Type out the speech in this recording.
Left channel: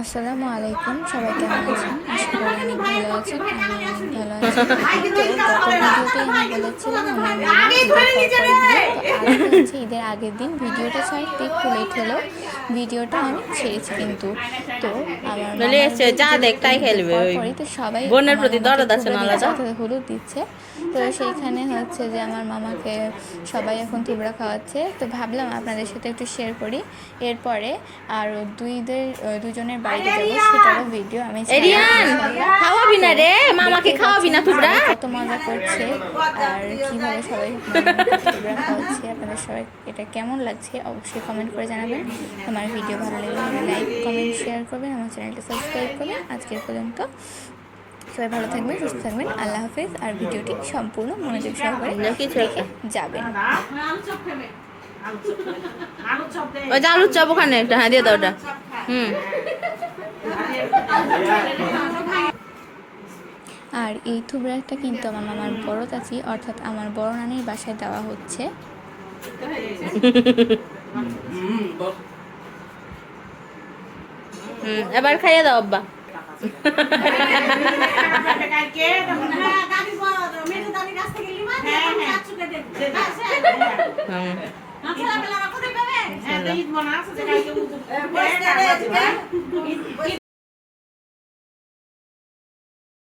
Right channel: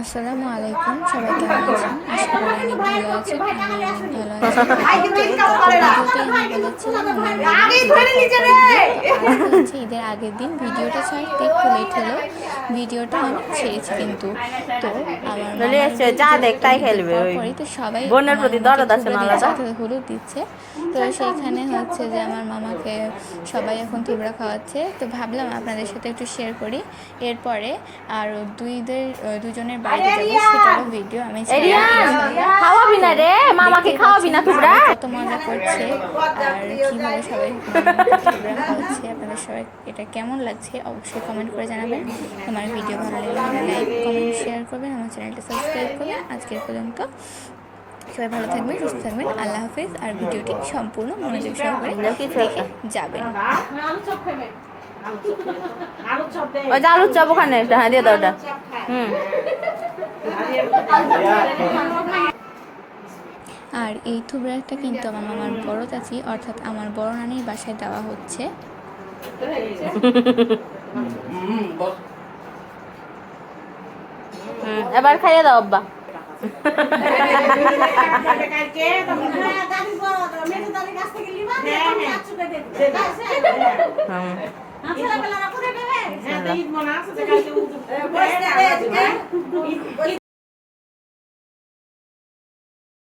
আসসালামু আলাইকুম, সবাই কেমন আছেন? আশা করি অনেক ভালো আছেন। আমি অনেক ভালো আছি। তো গত ভিডিওতেই আমি বলেছিলাম আমার মামা ঈদের পরপরই বিয়ে। তো আজকে হচ্ছে ঈদের আগের দিন। ভিডিওটা ছাড়তে একটু লেট হলো, ভিডিওটা আমি ছেড়েছি কিন্তু। তো আমার মামার বিয়ে যেহেতু ঈদের পরপরই, তো সবাই আমার মামাকে থুবড়া দিচ্ছে, অর্থাৎ হলুদ দিচ্ছে। তো সেইখানে হচ্ছে যে আমার মামাকে সবাই এখন থুবড়া খাওয়াচ্ছে। তো ভাবলাম আপনাদের সাথে একটু শেয়ার করি। এরপরে আরও দুজনের বাড়িতে যাবো, সেটারও ভিডিও আমি খাওয়াবি না রে, মামাকে খাওয়াবি না তোমরা? কত মজা করছে আর কিভাবে সবাই মামাকে থুবড়া খাওয়াচ্ছে। আপনাদের সবাই এটা কেমন লাগছে অবশ্যই কমেন্ট করে জানাবেন। আমার ভিডিও ভালো লাগলে লাইক কমেন্ট শেয়ার করবেন, আমার চ্যানেলটা সাবস্ক্রাইব করবেন। আজকের পর্যন্ত সবাই ভালো থাকবেন, সুস্থ থাকবেন। আল্লাহ হাফিজ। আর ভিডিওটি সম্পূর্ণ মনোযোগ সহকারে দেখে যাবেন। ওই যে আলুর চপ ওখানে একটা, হ্যাঁ দিয়ে দাও ওটা। আর এই থুবড়াটা কিন্তু আমার মামার বড় চাচি অর্থাৎ আমার বড় নানির বাসায় দেওয়া হচ্ছে। এবার খাইয়ে দাও আব্বা।